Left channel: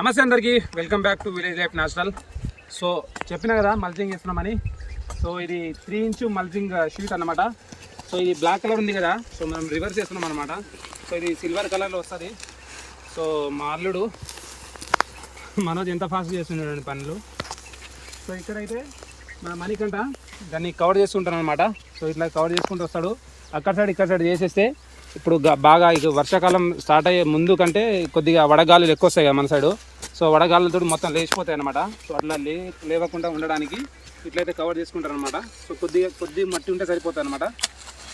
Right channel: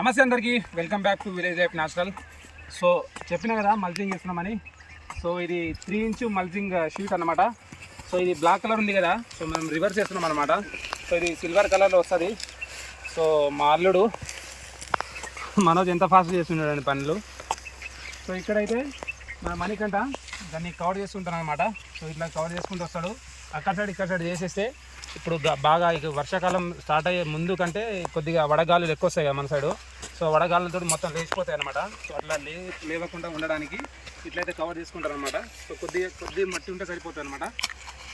నమస్తే అందరికీ. Welcome back to village life national so చెప్పిన కదా మల్చింగ్ ఇస్తున్నామని సో ఇది త్రీ ఇంచు మల్చింగ్ షీట్ అన్నమాట. సో ఇది బ్లాక్ కలర్ ఉంది కదా. సో మనం రివర్స్ చేస్తున్నాం అనమాట సో ఇది సిల్వర్ కలర్లో వస్తుంది. సో మా అల్లుడు మనోజ్ ఎంత ఫాస్ట్ చేస్తున్నాడు పనులు. సో ఇక్కడైతే మన మణికంట దాన్ని కవర్ చేస్తుంటాను అనమాట సో ఇట్లా కవర్ చేసుకుంటూ వస్తాడు. అక్కడ సైడ్ ఇక్కడ సైడ్ చేసేస్తే ఇప్పుడు బాగా ఇక వర్షాకాలం స్టార్ట్ అయ్యే ముందు కంటే కొద్దిగా వడగాలులు ఎక్కువ వస్తాయి కదా మన సైడు. సో వడగాలులతో మొత్తం లేచిపోతాయి అనమాట సో అట్లా లే లేవకుండా ఉండడానికి ఇట్లయితే కవర్ చేసుకుంటారు అనమాట సో కొద్దిగా కొద్ది మట్టి ఉంటే సరిపోతుంది అనమాట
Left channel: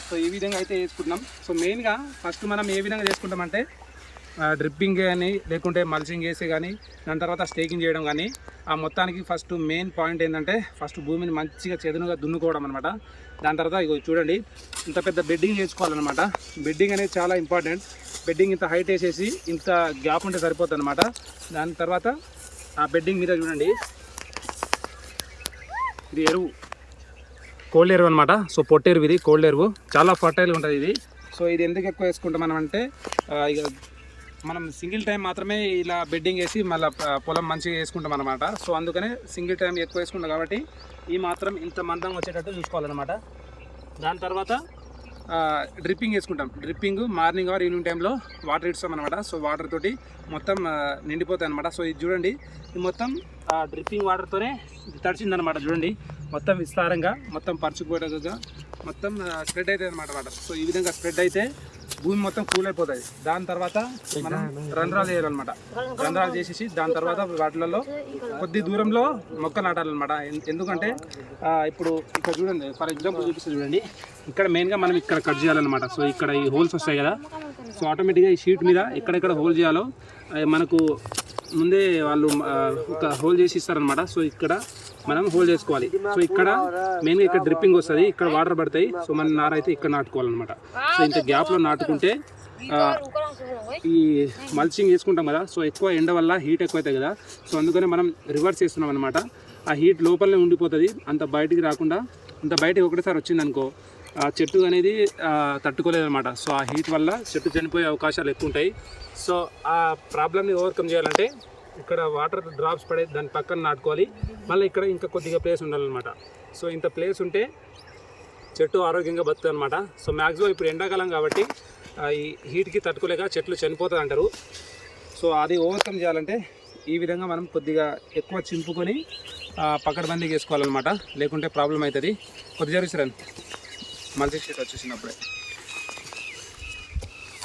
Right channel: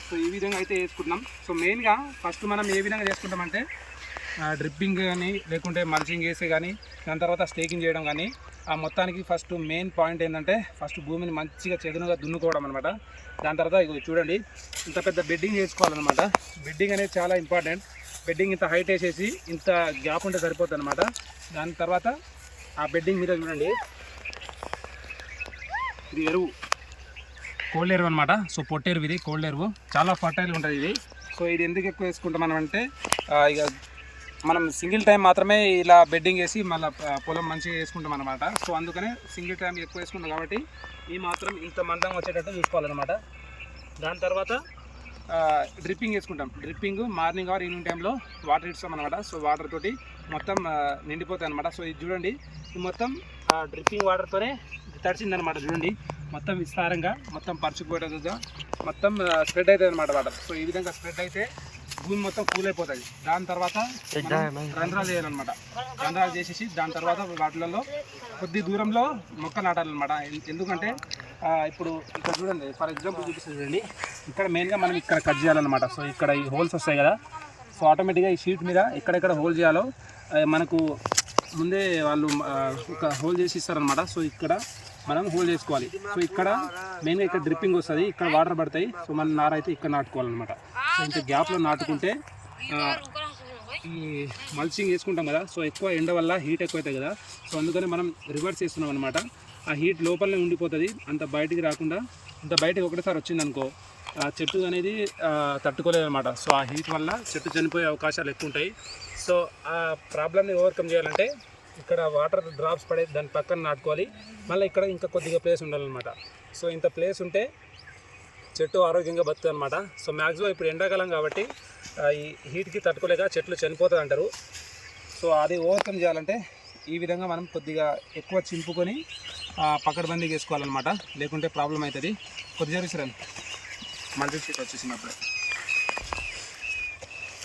సో ఈ విధంగా అయితే వేసుకుంటున్నాం సో మెయిన్గా ఫస్ట్ మనం ఏ విధంగా చేసుకుంటామంటే డ్రిప్పింగ్ కానీ లేకుంటే మల్చింగ్ వేసి కానీ దాని తర్వాత స్టేకింగ్ చేయడం కానీ ఆ మొత్తానికి ఫస్ట్ మెయిన్ పాయింట్ ఏంటంటే ఫస్ట్ భూమిని మంచిగా చెదునుగా దున్నుకోవడం అనమాట దాని తర్వాత ఇగో చూడండి ఇంత పెద్ద బెడ్డింగ్ చేసుకోవాలన్నమాట. బెడ్డింగ్ అనేది చాలా ఇంపార్టెంట్ బెడ్డింగ్ ఇంత హైట్ వేసేసి ఇంత గ్యాప్ ఉంటే సరిపోతుంది అనమాట దాని తర్వాత ఆ బెడ్డింగ్ మీద చూడండి. ఇది ఎరువు. కోల్డ్ ఎరువు అనమాట సో పొట్టెరువు ఇది కోల్డ్ ఎరువు. చాలా ఫర్టైల్గా ఉంటుంది ఇది. సో ఇది ఎందుకు ఎక్కువ వేసుకుంటాం మనం అంటే ఇక మనం సింగిల్ టైం మాత్రమే ఇలా బెడ్డింగ్ వేసి మళ్ళీ పొలం మంచిగా వేసుకుంటాం అనమాట సో అందుకనే సింగిల్ టైం ఎక్కువ వేసుకుంటాం కాబట్టి ఈ మాత్రం ఇంత మందం వచ్చేటట్టు చూసుకోవాలన్నమాట. దాని తర్వాత? డ్రిప్పింగ్ వేసుకుంటాం. డ్రిప్పింగ్ మార్నింగ్ ఆర్ ఈవినింగ్ టైంలో వాటర్ ఇస్తాం అనమాట సో వాటర్ తోటి మొత్తం నిండిపోతాయి అనమాట సో ఇది చూడండి. ఇది మొత్తం డ్రిప్పింగ్ వాటర్తోనే తడిచిందనమాట చూడండి. మొత్తం విస్తారంగా మొత్తం పరుచుకుపోయేటట్టుగా మొత్తం స్ప్రెడ్ అవుతుంది అనమాట వాటర్ సో ఈ విధంగా స్ప్రెడ్ అయితే భూమి మొత్తం కూల్ అయిపోతుంది దాని తర్వాత మనం రంధ్రాలు చేయాలన్నమాట రంధ్రాలు చేసేసి దాని తర్వాత వాటిలలో కొద్ది దూరంలో మొక్క నాటాలన్నమాట. ఎన్- ఎందుకంటే ఇప్పుడు ఇక్కడ చూడండి ఫర్ ఎగ్జాంపుల్ చూపిస్తుంది చూడండి. ఇక్కడ మెయిన్గా మనం ఇక్కడ కట్ చేయాలన్నమాట. సో ఇక్కడ ఈ హోల్స్ వస్తాయి కదా. సో ఆటోమేటిక్గా ఈ షీట్ మీద ఎక్కడెక్కడ హోల్ చేయాలో మనకు ముందే వాళ్ళు ఒక హోల్ చేసి ఇస్తారనమాట సో ఇక్కడ మనం హోల్డ్ చేసుకోవాలి. సో ఇక్కడ మెయిన్గా ఇక్కడ డ్రిప్పింగ్ వస్తుంది ఇక్కడ వాటర్ పడతాయి. సో మన నార అయితే ఇక్కడ నాటుకోవాలన్నమాట. సో ఇంత గ్యాప్లో నాటుకుంటే ఈ మల్చింగ్ వేసుకుంటాం కదా. సో ఎక్కువ ఎండ వల్ల హీట్ ఎక్కువ అవుతాయి కదా. సో అందుకనే మనం రివర్స్ చేస్తున్నాం అనమాట ఆ హీట్ లోపలనే ఉండిపోతుంది. అంత బయటికి రాకుండా అంత బయటకి ఒకటేసారి వచ్చింది అనుకో ఆ చెట్టు అనేది తట్టుకోలేదు అనమాట సో ఆ హీట్ వల్ల చెట్టు చనిపోయే అవకాశాలు ఎక్కువ ఉంటాయి సో ఆ ప్రాబ్లమ్ని ఓవర్కమ్ చేయాలంటే ఇక్కడ వాటర్ డ్రాప్స్ పడే దాని పక్కన నాటుకోవాలి. మళ్ళీ ఇక్కడ ఇంకా కొద్దిగా ప్లేస్ ఉండాలన్నమాట. సో ఇంత ప్లేస్ ఉంటే చెట్టు ఆరోగ్యంగా బతుకుతుంది అనమాట సో మ్యాక్సిమం ఇప్పుడు ఎండాకాలం కాబట్టి ఈ హీట్కి తట్టుకోలేక చెట్లు చనిపోతుంది అంటారు సో అది ఓవర్కమ్ చేయాలంటే ఈ విధంగా మనం కొద్దిగా ఎక్కువ చింపుకొని పక్కడబందీకి వేసుకోవాలన్నమాట లేకుంటే ప్రాబ్లం అవుతుంది. కొద్దిగా జరుగుతుంది మల్టీ షీట్ వచ్చేసినప్పుడే.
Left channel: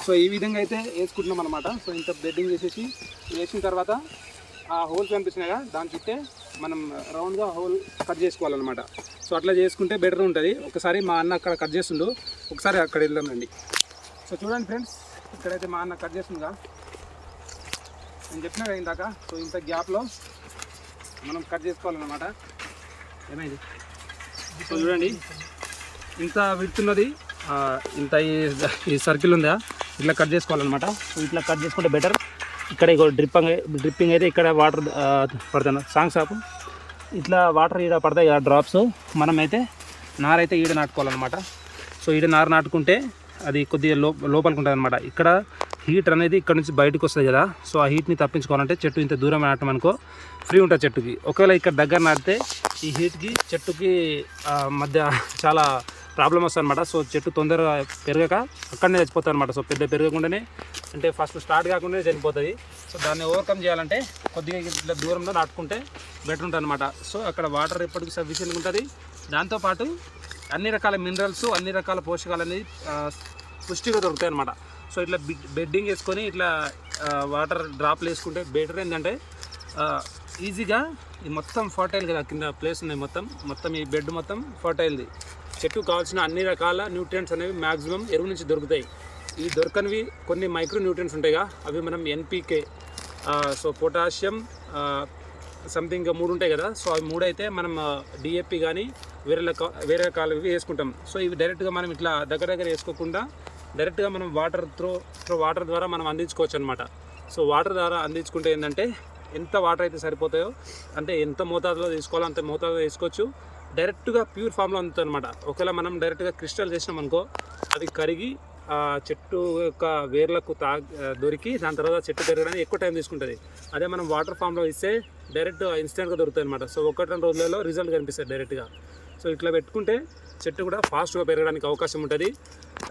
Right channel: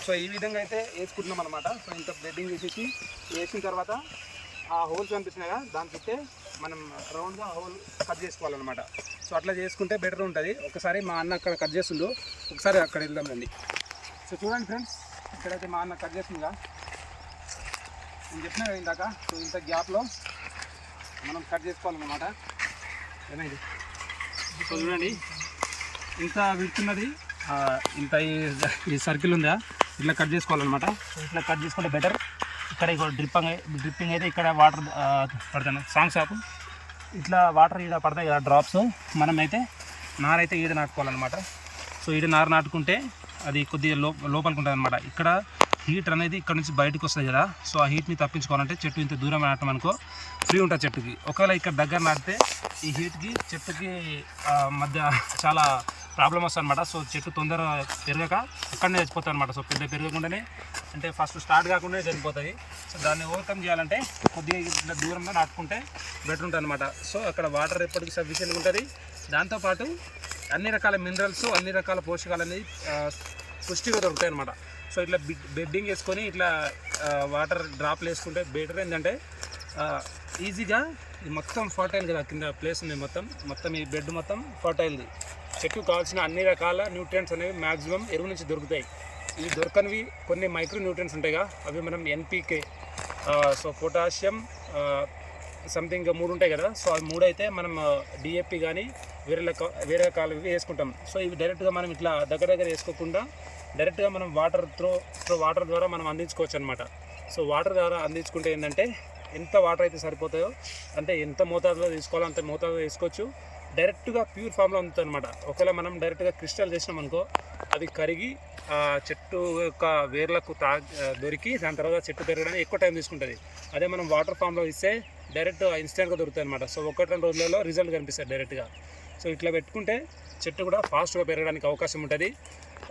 సో ఈ విధంగా అయితే వేసుకుంటున్నాం అనమాట సో ఇంత బెడ్డింగ్ వేసేసి వేసిన తర్వాత ఆ హోల్స్ కనిపిస్తున్నాయి దాని చుట్టే మనం రౌండ్గా హోల్ కట్ చేసుకోవాలన్నమాట. సో అట్లా చేసుకుంటే బెటర్ ఉంటుంది. ఒకసారి మా అన్న అక్కడ కట్ చేస్తుండు. ఒకసారి అక్కడ వెళ్దాం రండి. సో చూడండి ఫ్రెండ్స్ ఇక్కడైతే మా అన్న కట్ చేస్తుందిగా నేను చెప్పినా కదా ఇందాక సో ఇంత గ్యాప్లో మనం కట్ చేసుకోవాలన్నమాట. ఏమైంది? సో చూడండి. ఇంత విడుతున్నది ఇంత ఈ- ఈ సర్కిల్ ఉందా? ఇట్లా కట్ చేసుకోవాలన్నమాట. ఇట్లా కట్ చేసుకుంటే బెటర్ ఇక్కడ ఇగో డ్రిప్పింగ్ డ్రిప్పింగ్ అయితే ఇక్కడ వాటర్ పడుతుంది. సాంగ్ షాపు ఇట్లా వాటర్ ఈడ పడతాయి ఆ డ్రాప్స్ మనమైతే నారైతే ఈడ నాటుకోవాలన్నమాట. సో ఈడ నార నాటుకుంటే అది కొద్దిగా లో లోపలికి ఉంటుంది అనమాట ఇక్కడ హీట్ అనేది ఇక్కడ నుంచి బయటకు వస్తుంది కదా. సో ఆ హీట్ని తప్పించుకోవాలంటే చెట్టు ఇంత దూరం నాటం అనుకో ఫ్రీ ఉంటుంది చెట్టుకి. ఒకవేళ ఇక్కడ దగ్గర నాటితే ఈ హీట్కి చెట్టుకి మధ్య చాలా ప్రాబ్లం వస్తుంది అనమాట సో చెట్టు తొందరగా పెరగక అక్కడనే చచ్చిపోతుంది అనమాట సో పెద్ద పెరగకుండానే అంటే ఫస్ట్ స్టార్ట్ కాకుండానే చనిపోతుంది సో దాన్ని ఓవర్కమ్ చేయాలంటే కొద్దిగా ఇట్లా దూరంలో నాటుకుంటే బెటర్ ఉంటుంది అనమాట సో అక్కడ వాటర్ ఎప్పటికీ సఫిషియెంట్గా ఉంటుంది. దాంతోపాటు అన్ని రకాల మినరల్స్ అన్ని రకాల పోషకాలు అనేది పుష్టిగా దొరుకుతాయి అనమాట సో ఇట్లా బెడ్డింగ్ వేసుకొని ఇట్లా వాటర్ డ్రాప్లు వేసుకుంటే బెటర్ ఏంటంటే ఈజీగా ఈ మొత్తం ఫర్టైల్ కదా కింద ప్లేస్ ఉన్నాయి మొత్తం. మొత్తం ఈ బెడ్ మొత్తం ఫర్టైల్ది చెట్టుకు కావాల్సిన అన్ని రకాల న్యూట్రియంట్స్ అనేవి మ్యాక్సిమం ఎరువు నుంచి దొరుకుతాయి. ఇవి దొరకనివి కొన్ని మైక్రో న్యూట్రియంట్స్ ఉంటాయిగా. అవి మనం ఎన్పీకే సో పొటాషియం సంథింగ్ మూడు ఉంటాయి కదా. సో అవి మూడు అయితే మనం డిఏపి కానీ వేరే వేరే రకాలు వేసుకుంటాం. సో ఇవి డైరెక్ట్గా మనం ఇట్లా దగ్గర దగ్గర వేసుకోకుండా డైరెక్ట్గా మనం వాటర్ త్రో త్రో వాటర్ ద్వారా మనం అందించుకోవచ్చు అనమాట సో వాటర్ ద్వారా అందించుకుంటే ఏంటంటే ఎంత వాటర్ అయితే సరిపోతాయో అంటే ఎంత మోతాదులో తీసుకోవాలో అంత మోతాదులో తీసుకోవచ్చు. డైరెక్ట్గా ప్యూర్ ఫామ్లో అందుతుంది అనమాట ఒకవేళ మనం డైరెక్ట్గా క్రిస్టల్ చేసినాం అనుకో అది కరిగి ఆ చెట్టు యొక్క వేర్లకు తా దొరికి దాని తర్వాత చెట్టు పెరగడానికి ఎక్కువ టైం తీసుకుంటుంది. అదే మనం వాటర్ ఫామ్లో ఇస్తే డైరెక్ట్ ఇన్స్టెంట్గా దొరుకుతాయి అనమాట సో ఒకటి రెండు రోజులలో రిజల్ట్ కనిపిస్తుంది డైరెక్ట్గా. సో ఇట్లా పెట్టుకుంటే చెట్టు కూడా ఫాస్ట్గా పెరగడానికి అవకాశం ఉంటుంది.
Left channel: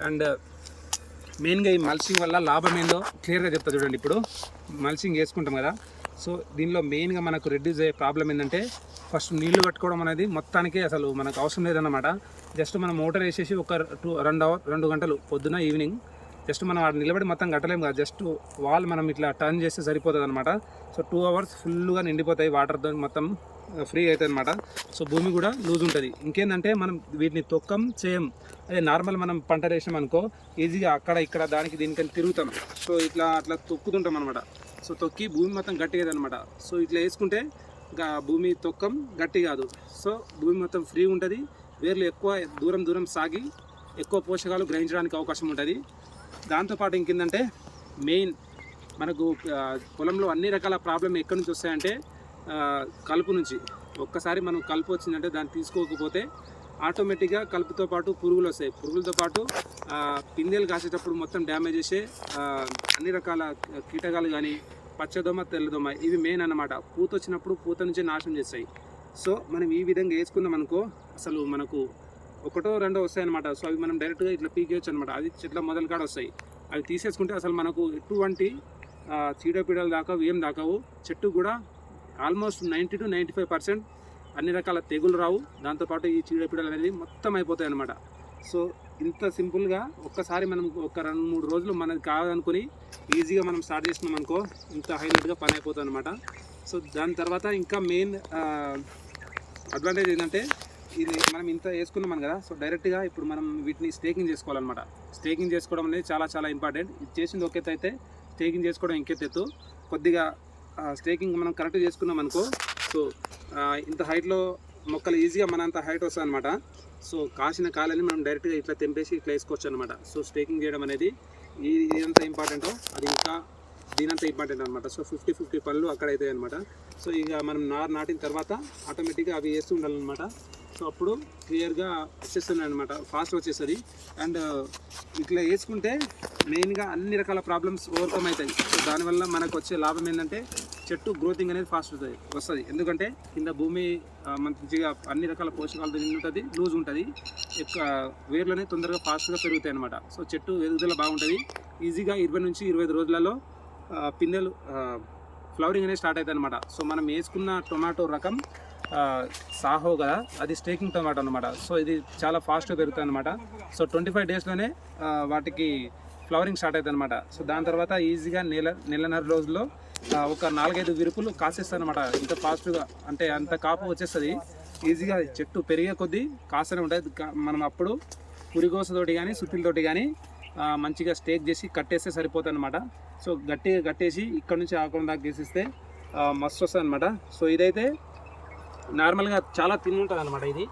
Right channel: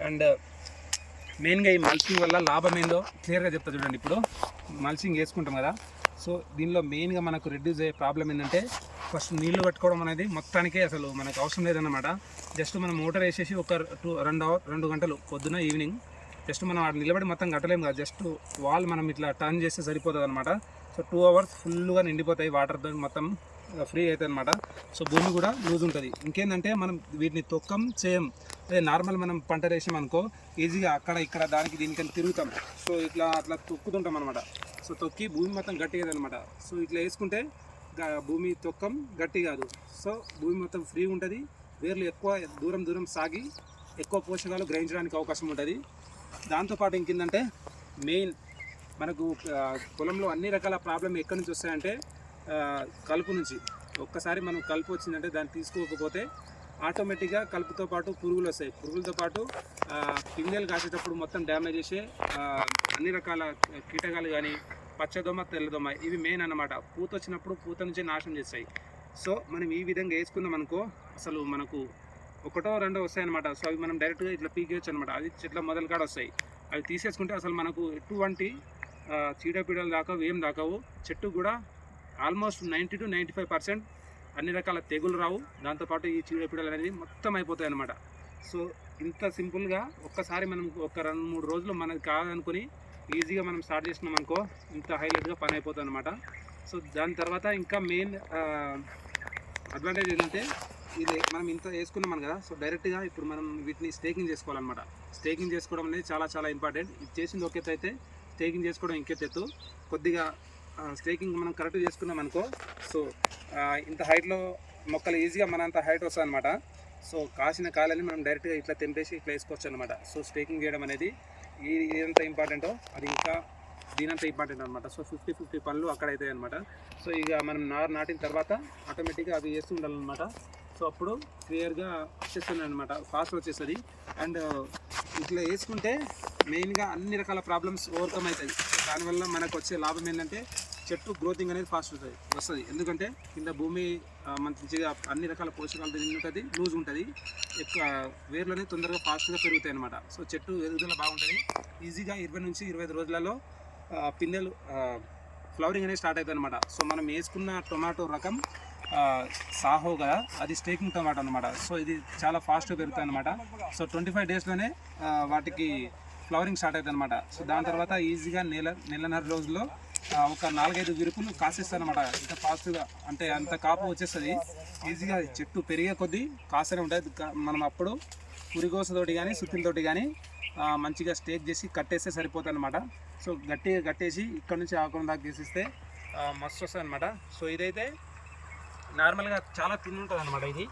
అండ్ మెయిన్గా ఈ మల్చింగ్ వల్ల లాభం ఏందో క్లియర్గా చెప్తా చూడండి ఇప్పుడు. మల్చింగ్ వేసుకుంటాం కదా. సో దీనిలో మెయిన్గా మనకు రెడ్యూస్ అయ్యే ప్రాబ్లం ఏంటంటే ఫస్ట్ నీళ్ళు కట్టుకోవడం అనేది మొత్తానికి అసలు మనకు అవసరం లేదన్నమాట. జస్ట్ మనం మోటార్ వేసేసి ఒక టూ రెండు అవర్ రెండు గంటలు పొద్దున ఈవినింగ్ జస్ట్ మనం ఆడ నిలబడి మొత్తం కట్టలేము కదా జస్ట్ వాల్ మనం ఇట్లా టర్న్ చేస్తే సరిపోతుంది అనమాట సో టూ అవర్స్ ఫుల్గా నిండిపోతాయి వాటర్తో మొత్తం ఫ్రీ అవుతుంది అనమాట సో భూమి కూడా లూజ్ ఉంటుంది. ఇంకేంటంటే మనం వీటిని తొక్కం చేయం. అదే నార్మల్ మనం పంట వేసాం అనుకో ఈజీగా అక్కడ ఇక్కడ దానికి దీనికని తిరుగుతాం. సో ఇట్లా అట్లా తొక్కుతుంటాం అనమాట సో తొక్కి భూమి మొత్తం గట్టి అనమాట సో ఇట్లా వేసుకుంటే భూమి తొక్కం గట్టి కాదు. సో భూమి మొత్తం ఫ్రీ ఉంటుంది. వేర్లు ఎక్కువ దూరం దూరం సాగి ఎక్కువ పోషకాలు గ్రహించడానికి అవకాశం ఉంటుంది. దాంతోపాటు ఇంకేందంటే మెయిన్ మనకు పొలంలో అన్ని రకాల ప్రాబ్లం ఎక్కడి నుంచి వస్తాయంటే కలుపు నుంచి. ఒక్కసారి మనం కలుపు వచ్చిందంటే దాన్ని తీసుకోకపోతే ఆటోమేటిక్గా కలుపుతో పాటు పురుగులు వస్తాయి. పురుగులతో పాటు పిందెలు కాసేటప్పుడు మొత్తం డ్యామేజ్ చేసే అన్ని రకాల కీటకాలు కానీ పచ్చదోమ తెల్లదోమ ఇవి మెయిన్ అన్నమాట. పూత వచ్చినప్పుడు పూత నుంచి నాశనం చేస్తాయి. సో మనం ఈ విధంగా వేసుకుందాం అనుకో అసలు మనకు ఒకటో రెండో వస్తాయి అనమాట సో అవి మనం డైరెక్ట్గా ఇట్లా పీకేయచ్చు అనమాట అది చెట్ల మొదలు కాడ వస్తాయి. అవి తీసేసుకుంటే అసలు మనకు ఎటువంటి చీడపీడలు దాకా ఏం దాకావు చెట్టు కూడా almost ninety two ninety five percent అన్ని రకాల తెగులు రావు. దాంతోపాటు ఈ చీడపీడలు అనేది మొత్తం అయిపోతాయి అనమాట సో ఇంత సింపుల్గా ఒక్కసారి మనం ఒక రెండు మూడు రోజులు మనది కాదనుకుని ఈజీగా మనం స్టార్ట్ చేసినాం అనుకో ఇంత హైలైట్గా పని అయిపోతుంది అనమాట సో దాని తర్వాత ఇంకా మెయిన్ అడ్వాంటేజ్ ఏంటంటే ఇది మనం ఇంత వేసుకున్నాం కదా సో డైరెక్ట్గా ఇప్పుడు మనం వీటిని స్టేకింగ్ చేసుకోవాలన్నమాట. స్టేకింగ్ చేసుకోవడం అనేది చాలా చాలా ఇంపార్టెంట్ ఇది చేసింది ఒకేత అయితే స్టేకింగ్ చేసుకోవడం ఇంకెత్తెత్తు కొద్దిగా స్టేకింగ్ మనం కరెక్ట్ చేసుకున్నాం అనుకో సో ఇంత హైట్లో మొక్కలు ఈజీగా మనంత హైట్ వస్తుంది అనమాట సో కాసిన కాలని మనం డైరెక్ట్గా ఇట్లా తెంపేసి ఇట్లా వేసుకోవచ్చు అనమాట సో స్టేకింగ్ చేయడం అనేది ఈ ఎంత ఇంపార్టెంటో? అది ఇంకా దీనంత ఇంపార్టెంట్ అనమాట సో ఫిఫ్టీ ఫిఫ్టీ పనులు అక్కడ అవుతాయి అనమాట సో ఇక మనం నారు నాటిన తర్వాత ఆటోమేటిక్గా అవి వేస్తూ ఉండాలన్నమాట. సో అప్పుడు క్లియర్గా వచ్చేస్తుంది అనమాట ఫాస్ట్ వచ్చేస్తుంది. అండ్ ఇట్లా వేసుకుంటే మెయిన్గా అన్ని రకాల ప్రాబ్లమ్స్ ఓవర్కమ్ అవుతాయి. సో దానివల్ల మనకు వచ్చే లాభం ఏంటంటే చెట్టు గ్రోతింగ్ అనేది ఫాస్ట్ అవుతుంది వస్తుంది. ఎందుకంటే కింద భూమి మంచిగా అన్ని రకాల పోషకాలు తిని ఉంటుంది లూజ్ ఉంటుంది. ఎక్కువ వేర్లు అనేది తొందరగా ఫాస్ట్గా పెరుగుతాయి అనమాట సో చెట్టు ఎదుగుదల బాగుంటుంది. ఈజీగా ఇరవై నుంచి ఇరవై ఐదు రోజులలో పిందెలు ఫ్లవరింగ్ అనేది స్టార్ట్ అవుతుంది అనమాట సో మనం వేసుకున్న టొమాటో రకం సాహో కదా అది స్టేకింగ్ టొమాటో అనమాట సో ఇది చాలా ఫాస్ట్గా పెరుగుతుంది అనమాట సో ట్వంటీ ఫైవ్ డేస్లోనే వాటికి ఫ్లవరింగ్ స్టార్ట్ అవుతుంది అనమాట సో దాని తర్వాత ఈజీగా నెల నెలన్నర రోజుల్లో ఒక నాలుగైదు విరుపులు కాసేస్తాయి అనమాట ఇంత ఫాస్ట్గా అంటే అంత కాపు వచ్చేస్తుంది. ఈజీగా చెట్టు పెరిగే కొద్దీ కాస్తూనే ఉంటుంది మనం అప్పుడు పురిగోసతోటి కానీ సుత్తిలతోటి కానీ మంచిగా స్టేక్ చేసి కట్టేస్తే సరిపోతుంది అనమాట సో గట్టిగా కట్టేసి ఇక్కడ నుంచి ఆకుండా దాకా తీసిస్తే మస్తు వస్తుంది అనమాట సో ఇదైతే నార్మల్గా చాలా తిన్ ఉంటుంది అనమాట ఇది.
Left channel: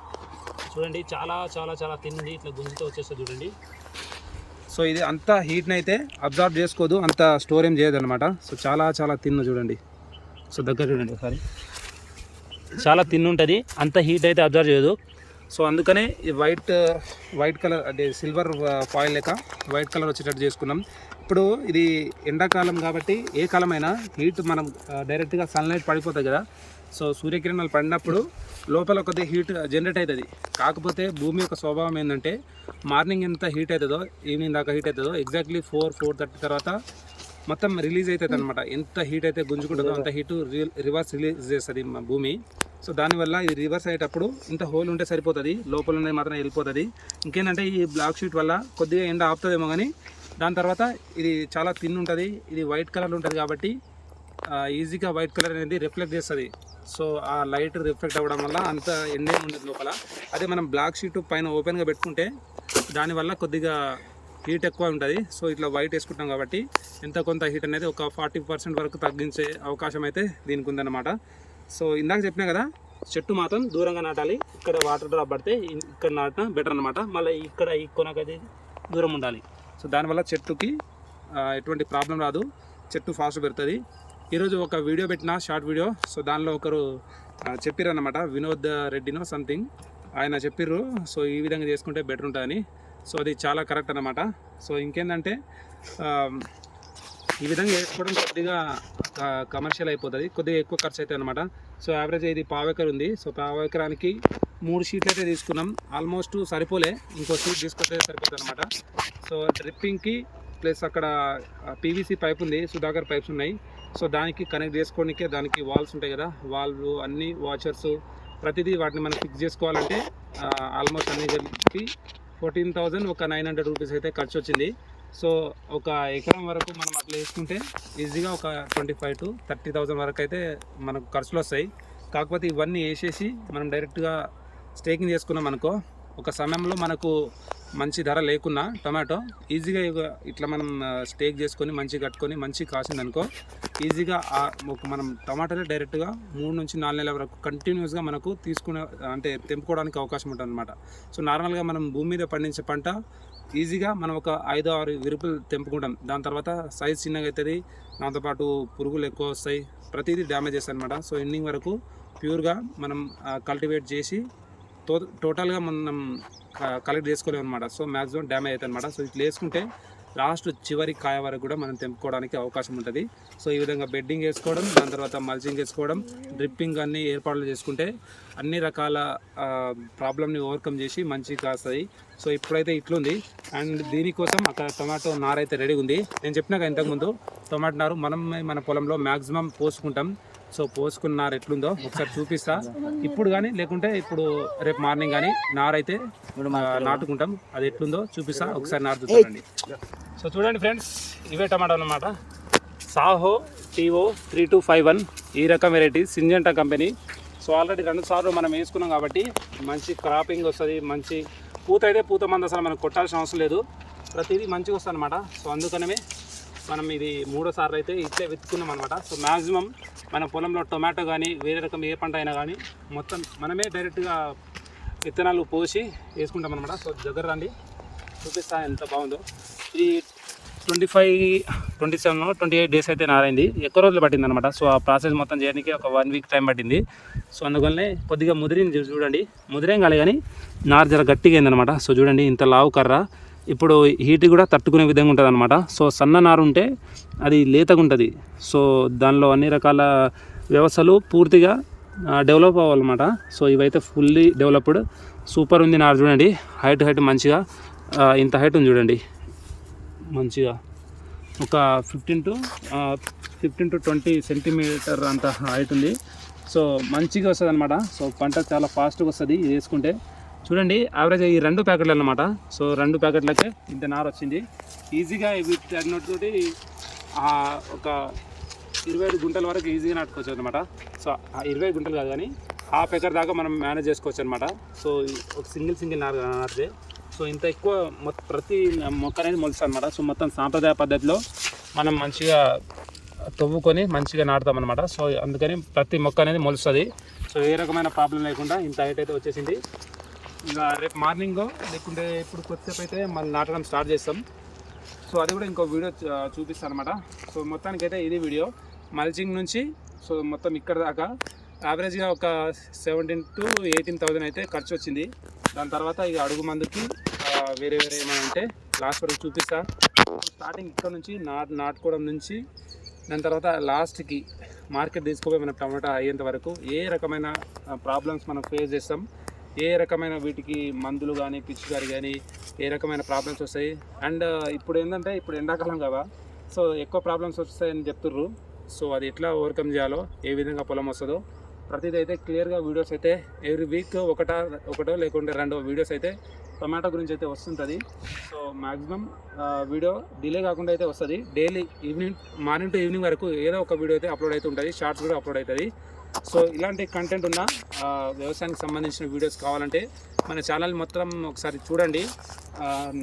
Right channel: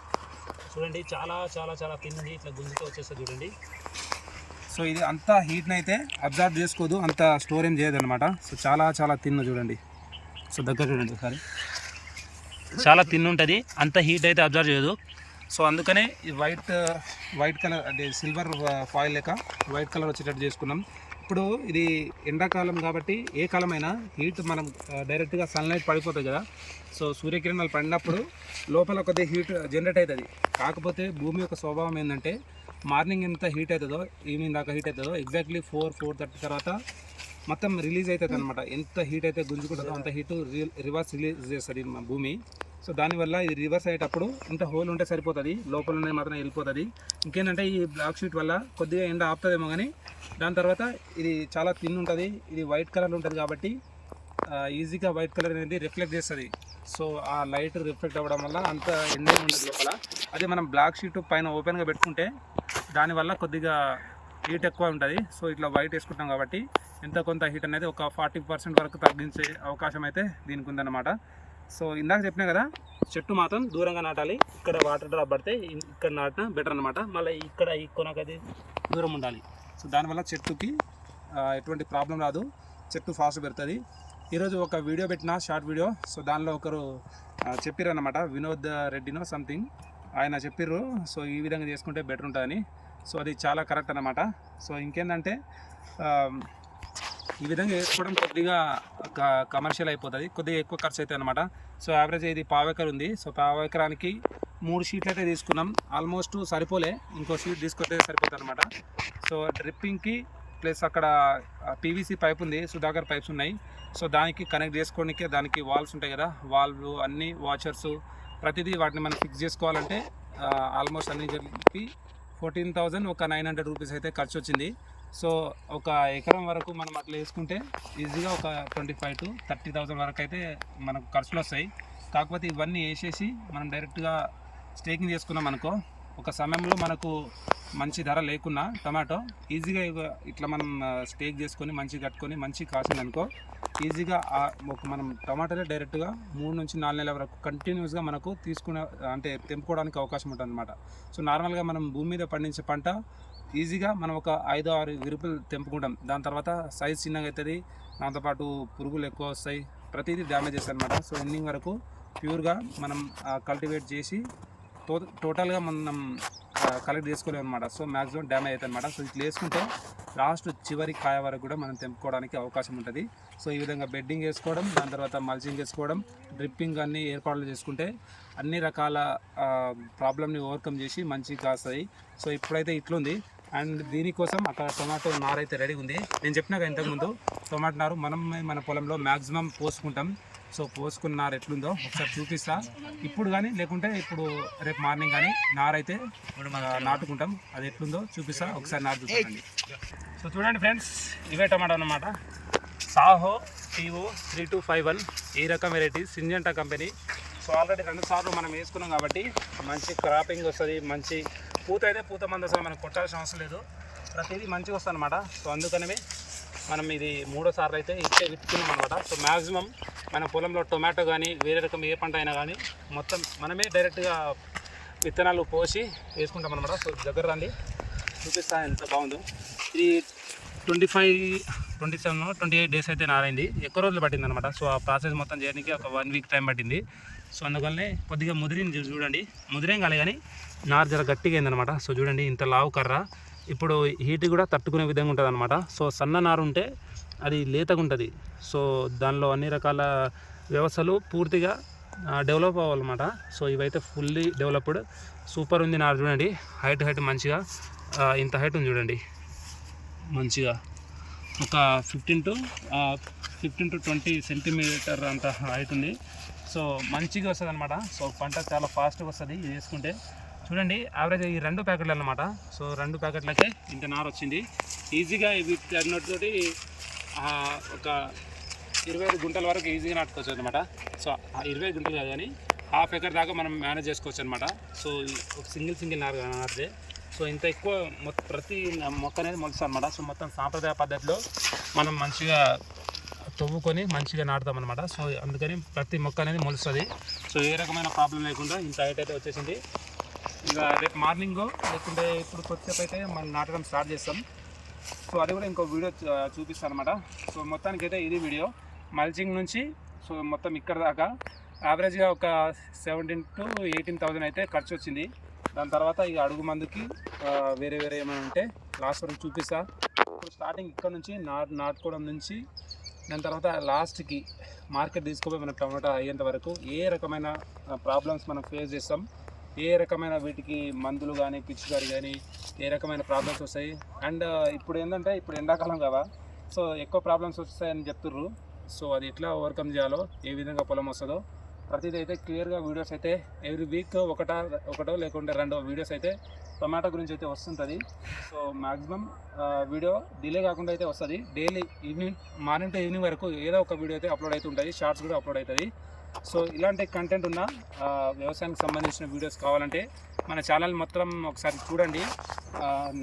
చూడండి చాలా చాలా చాలా తిన్నది. ఇట్లా గుంజితో వచ్చేస్తుంది చూడండి. సో ఇది అంత హీట్ని అయితే అబ్జర్వ్ చేసుకోదు అంత స్టోర్ ఏం చేయదు అనమాట సో చాలా చాలా తిన్న చూడండి. సో దగ్గర చూడండి ఒకసారి. చాలా తిన్ ఉంటుంది అంత హీట్ అయితే అబ్జర్వ్ చేయదు. సో అందుకనే ఈ వైట్ వైట్ కలర్ అంటే సిల్వర్ ఫాయిల్ లేక వైట్ కలర్ వచ్చేటట్టు చేసుకున్నాం. ఇప్పుడు ఇది ఎండాకాలం కాబట్టి ఏ కాలమైనా హీట్ మనం డైరెక్ట్గా సన్లైట్ పడిపోతుంది కదా. సో సూర్యకిరణాలు పడినప్పుడు లోపల కొద్దిగా హీట్ జనరేట్ అవుతుంది. కాకపోతే భూమి యొక్క స్వభావం ఏంటంటే మార్నింగ్ ఎంత హీట్ అవుతుందో ఈవినింగ్ దాకా హీట్ అవుతుందో ఎగ్జాక్ట్లీ ఫోర్ ఫోర్ థర్టీ తర్వాత మొత్తం రిలీజ్ అవుతుంది అనమాట ఎంత హీట్ అయితే గుంజుకుంటుందో అంత హీట్ రివర్స్ రిలీజ్ చేస్తుంది భూమి. సో దానివల్ల ఇది రివర్స్ అయ్యేటప్పుడు ఇంత హోల్ ఉంటే సరిపోతుంది లోపల ఉన్నది మాత్రం వెళ్ళిపోతుంది. ఇంకేంటంటే ఈ బ్లాక్ షీట్ వల్ల కొద్దిగా ఎండ ఆపుతుందేమో కానీ దాని తర్వాత ఇది చాలా తిన్ ఉంటుంది ఇది వైట్ కలర్ ఉంటుంది కాబట్టి ఈజీగా వైట్ కలర్ అనేది రిఫ్లెక్ట్ చేస్తుంది. సో ఆ లైట్ రిఫ్లెక్ట్ అవ్వడం వల్ల అంత ఎండేం ఉండదు లోపల. అదే మనం బ్లాక్ షీట్ పైన ఓపెన్గా పెట్టుకుంటే దానివల్ల కొద్దిగా హీట్ ఎక్కువ ఉంటుంది. సో ఇట్లా వైట్ వేసుకుంటాం కాబట్టి ఎంత కొంత హీట్ అనేది ఒక ఫార్టీ పర్సెంట్ వరకు తగ్గించే అవకాశం అయితే దీనికి ఉందన్నమాట. సో ఇందాక చెప్పినా కదా చెట్టు మాత్రం దూరంగా నాటాలి ఇక్కడ వాటర్ డ్రాప్ పడితే ఇక్కడ నాటడం బెటర్ అనమాట మళ్ళీ ఇక్కడ ఈ కొనకైతే దూరం ఉండాలి. సో దానివల్ల చెట్టుకి ఎటువంటి ప్రాబ్లం రాదు. చెట్టు ఫాస్ట్ పెడుతుంది ఈరోజు ఒక వీడియో పెట్టిన షార్ట్ వీడియో. సో దానిలో ఒకరు చెప్పారు వినోద్ రెడ్డినో సంథింగ్. ఆయన చెప్పిర్రు సో ఈ విధంగా చేసుకుంటే బెటర్ ఉంటుందని. సో అది చాలా కరెక్ట్ అనమాట సో ఇంకేంటంటే ఈ విధంగా వేసుకోవడం కొద్దిగా కమర్షియల్ అయిపోతుంది. కొద్దిగా ఎక్కువ ఖర్చు అవుతుంది అనమాట సో యావరేజ్ ఇది పావెకర్ ఉంది. సో పావెకరానికి మూడు షీట్లు అయితే తీసుకున్నాం. ఆల్మోస్ట్ సరిపోలే. ఇంకో షీట్ తీసుకొస్తే సరిపోతుంది అనమాట సో డ్రిప్పింగ్కి ప్లస్ అక్కడ పీవీసీ పైప్ ఉంది సుధాకర్ పైప్స్ ఉన్నాయి. సో దానికి కనెక్ట్ చేసుకోవడానికి దానికి వాల్స్ ఉంటాయి కదా వాల్వ్ అన్ని వాచర్స్ ప్రతిదీ వాటిని మనం ఫిక్స్ చేసుకోవాలంటే ఆల్మోస్ట్ అన్ని కలిపి ఫోర్టీన్ థౌజండ్ ఒక నైన్ హండ్రెడ్ రూపీస్ అయితే ఖర్చు వచ్చింది. సో ఒక ఎకరం వరకు మనం అట్లా వేసుకుంటే ఈజీగా ఒక twenty five to thirty thousand వరకు అయితే మనకు ఖర్చులు వస్తాయి. కాకపోతే ఇవన్నీ వేసేసి మనం డైరెక్ట్గా స్టేకింగ్ చేసుకున్నాం అనుకో ఒక సమయంలో మనకు మంచి ధర లేకున్నా టమాటో ఈజీగా ఇట్లా మనం స్టేక్ చేసుకొని మంచిగా కట్టుకొని మంచి కాసింది అనుకో ఈజీగా ఒక మనం టమాటాలే డైరెక్ట్గా మూడు నుంచి నాలుగు నెలల వరకు కంటిన్యూస్గా మనకు తీసుకునే అంటే తెంపుకోవడానికి అవకాశం ఉంటుంది అనమాట సో నార్మల్గా మనం భూమి మీద పండించే పంట ఈజీగా మనం ఒక ఐదు ఆరు విరుపులు తెంపుకుంటాం. దాని తర్వాత సైజ్ చిన్నగా అవుతుంది దాంతోపాటు పురుగులు ఎక్కువ వస్తాయి ప్రతిదీ డ్యామేజ్ చేస్తాయి అనమాట సో ఎండింగ్ వరకు ప్యూర్గా మనం కల్టివేట్ చేసి టో టోటల్గా మనం కలెక్ట్ చేసుకోలేము అనమాట సో మ్యాక్సిమం డ్యామేజ్ అవుతుంది అనమాట సో ఇట్లా వేసుకుంటే లాస్ట్ చివరి కాయ వరకు కూడా మనం తెంపుకోవడానికి అవకాశం ఉంటుంది. సో ఈ విధంగా బెడ్డింగ్ వేసుకోవడం దాని తర్వాత మల్చింగ్ వేసుకోవడం డ్రిప్పింగ్ అన్ని ఏర్పాట్లు చేసుకుంటే అన్ని రకాల ప్రాబ్లమ్ని ఓవర్కమ్ చేసి మంచిగా కాస్తాయి. సో ఇప్పుడైతే ఇట్లుంది. అండ్ దీనికోసం అక్కడ టొమాటో నారైతే రెడీ ఉంది నేను చెప్పినాక ఇంతకుముందు టొమాటో నారు మనం మన పొలంలో మ్యాక్సిమం పోసుకుంటాం. సో పోసుకున్న నార ఎట్లుందో ఒకసారి చూపిస్తా. ఇప్పుడు కానీ లేకుంటే ఇప్పుడు రేపు మార్నింగ్ కానీ నార అయితే ఆ, నాటుకుంటాం. అది ఎట్లుందో చూపిస్తా ఒకసారి నారు చూడండి సో చూడండి ఫ్రెండ్స్ ఇవే టమాటో అన్నమాట. Saaho TO three two five one ఈ రకం variety Syngenta company. So already రెండు సార్లు మనం వేసుకున్నాం కాబట్టి మంచి క్రాపింగ్ వస్తుంది మంచి పూత అయితే పూత మంది అసలు మనం కొట్టాల్సిన అవసరం లేదు. ప్రతిదీ మంచిగా వస్తుంది అనమాట సో అందుకనే మనం ఇది మూడో సార్లు అయితే ఇట్లే విత్తుకున్నాం అనమాట సో మ్యాక్సిమం మన పొలంలో టొమాటో కానీ వేరే రకం ఏ పంట అయినా కానీ మొత్తం మనమే డైరెక్ట్గా విత్తనాలు పోసి వేసుకుంటాం అనమాట సో దగ్గర రండి. చూపిస్తా ఎంత బాగుందో. ఇది twenty five twenty seven twenty eight days అయితే నారైంది ఎక్కువ రోజులు పట్టింది అనమాట సో ఆ ప్రాసెస్ మొత్తం చేయడానికి ఒక వన్ వీక్ టైం పట్టింది. సో అందువల్లనే కొద్దిగా ముదిరింది. చూడండి. ముదిరేం కాలే కానీ నార జర గట్టిగా అయిందనమాట సో చూడండి. ఇంత లావు కర్ర. ఇప్పుడు హీట్ కూడా తట్టుకునే విధంగా ఉంటుంది అనమాట సో సన్న నారు ఉంటే అది లేతగా ఉంటుంది సో దానిలో అన్ని రకాల వ్యవస్థలు పూర్తిగా డెవలప్ అవ్వాలన్నమాట. సో ఇవైతే ఫుల్లీ డెవలప్డ్ సూపర్ ఉంది నారు చూడండి. హైట్ హైట్ మంచిగా ఇంత హైట్ ఉంది చూడండి. మంచిగా. ఒక fifteen to fifteen to twenty centimetre అంత హైట్ ఉంది. సో మంచిగా వస్తుంది అనమాట సో పంట చాలా ఫాస్ట్గా వస్తుంది. ఇది వేసుకుంటే చూడండి యావరేజ్ ఈ రెండు ప్యాకెట్లు అన్నమాట. సో రెండు ప్యాకెట్లకే ఇంత నార వచ్చింది. ఈజీగా ఇవి తగినతోటి ఒక ఇరవై ఐదు గుంటల వరకు ఈజీగా నాటుకోవచ్చు అనమాట సో ఆ ఇరవై ఐదు గుంటలు కాదు కానీ హాఫ్ ఎకర్ దాకా మనం మేనేజ్ చేసుకోవచ్చు అనమాట సో ఒక సింగిల్ సింగిల్ నారు నాటితే. సో ఇంత ఎక్కువ మొత్తం ప్రతి మొక్క అనేది మొలుస్తుంది అనమాట సో మొత్తం సాంప్రదాయ పద్ధతిలో మనం మంచిగా తవ్వుకొని మంచిగా నాటుతాం అనమాట సో అందుకని ప్రతి మొక్క అనేది మొలుస్తుంది. సో ఏ రకమైన ప్రాబ్లం లేకుండా ఇంత హైట్ అయితే వచ్చేసింది. ఇక రేపు మార్నింగ్ లేకుంటే ఇప్పుడు కొద్దిసేపు అయితే మళ్ళీ నాటడం స్టార్ట్ చేస్తాం. సో అది కూడా ఇంకో వీడియో చూపిస్తాను అనమాట సో మొత్తానికి అయితే ఇది వీడియో. మల్చింగ్ నుంచి సో మొత్తం ఇక్కడ దాకా. యావరేజ్గా ఒక సెవెంటీన్ టు ఎయిటీన్ థౌజండ్ అయితే ఖర్చు వచ్చింది. దాని తర్వాత ఇక అడుగు మందుకి వేరే వేరే ఏమైనా ఉంటే లాస్ట్ వరకు చూపిస్తా. ఇప్పుడు స్టార్టింగ్ ఇక్కడ నుంచి నాటు నాటుకోవడం నుంచి దాని తర్వాత లాస్ట్కి మార్కెట్ తీసుకోపోయి మన టమాటా అయ్యేంత వరకు ఏ రకమైన ప్రాబ్లమ్స్ మనం ఫేస్ చేస్తాం. ఏ రకమైన వీటికి మందులు కానీ పిచ్చుకారు కానీ ఏ రకమైన ప్రాబ్లమ్స్ వస్తాయి? అండ్ uh, ఇప్పుడు ఏంటంటే ఇప్పుడు ఎండాకాలం కదా సో ఎక్కువ ప్రాబ్లమ్స్ వస్తాయని చెప్తుర్రు. సో అది ఎట్లా ఓవర్కమ్ చేయాలో ఏ విధంగా పొలం వస్తుందో ప్రతిదీ అయితే క్లియర్గా వీడియోస్ అయితే ఎవ్రీ వీక్ ఒకటా ఒకటో లేకుంటే రెండో వీడియోస్ అయితే టొమాటో గురించి అయితే వస్తుంటుంది. సో మ్యాక్సిమం వీడియో డిలే కాకుండా అయితే వస్తుంది. Daily evening morning to evening వరకు ఏదో ఒక వీడియో అయితే అప్లోడ్ అయితే ఉంటుంది షార్ట్స్ కూడా అప్లోడ్ అవుతుంది. సో ఇలాంటి కంటెంట్ ఉన్న వ్యవసాయానికి సంబంధించిన వీడియోస్ కావాలంటే మన ఛానల్ మొత్తం ఒకసారి చూడండి.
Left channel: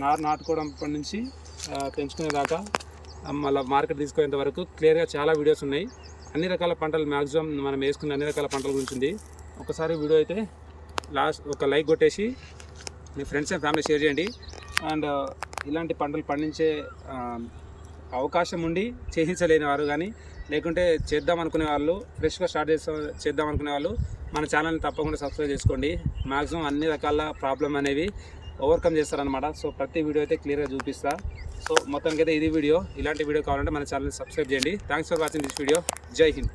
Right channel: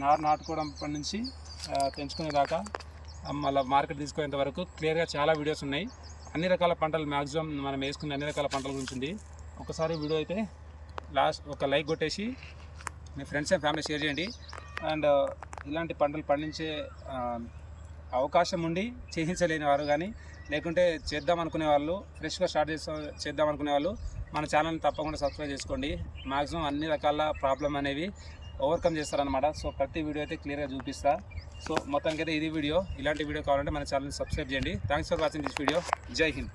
నారు నాటుకోవడం అప్పటి నుంచి ఆ, పెంచుకునే దాకా మళ్ళీ మార్కెట్ తీసుకునేంత వరకు క్లియర్గా చాలా వీడియోస్ ఉన్నాయి. అన్ని రకాల పంటలు మ్యాక్సిమం మనం వేసుకునే అన్ని రకాల పంటల గురించి ఉంది. ఒకసారి వీడియో అయితే లాస్ట్ ఒక లైక్ కొట్టేసి మీ ఫ్రెండ్స్ అండ్ ఫ్యామిలీ షేర్ చేయండి. అండ్ ఇలాంటి పంటలు పండించే అవకాశం ఉండి చేయించలేని వారు కానీ లేకుంటే చేద్దాం అనుకునే వాళ్ళు ఫ్రెష్గా స్టార్ట్ చేస్తా చేద్దాం అనుకునే వాళ్ళు మన ఛానల్ని తప్పకుండా సబ్స్క్రైబ్ చేసుకోండి. మ్యాక్సిమం అన్ని రకాల ప్రాబ్లం అనేవి ఓవర్కమ్ చేస్తారనమాట సో ప్రతి వీడియో అయితే క్లియర్గా చూపిస్తా. సో మొత్తానికైతే ఇది వీడియో. ఇలాంటి వీడియో కావాలంటే మన ఛానల్ని సబ్స్క్రైబ్ చేయండి. Thanks for watching this video Jai Hind.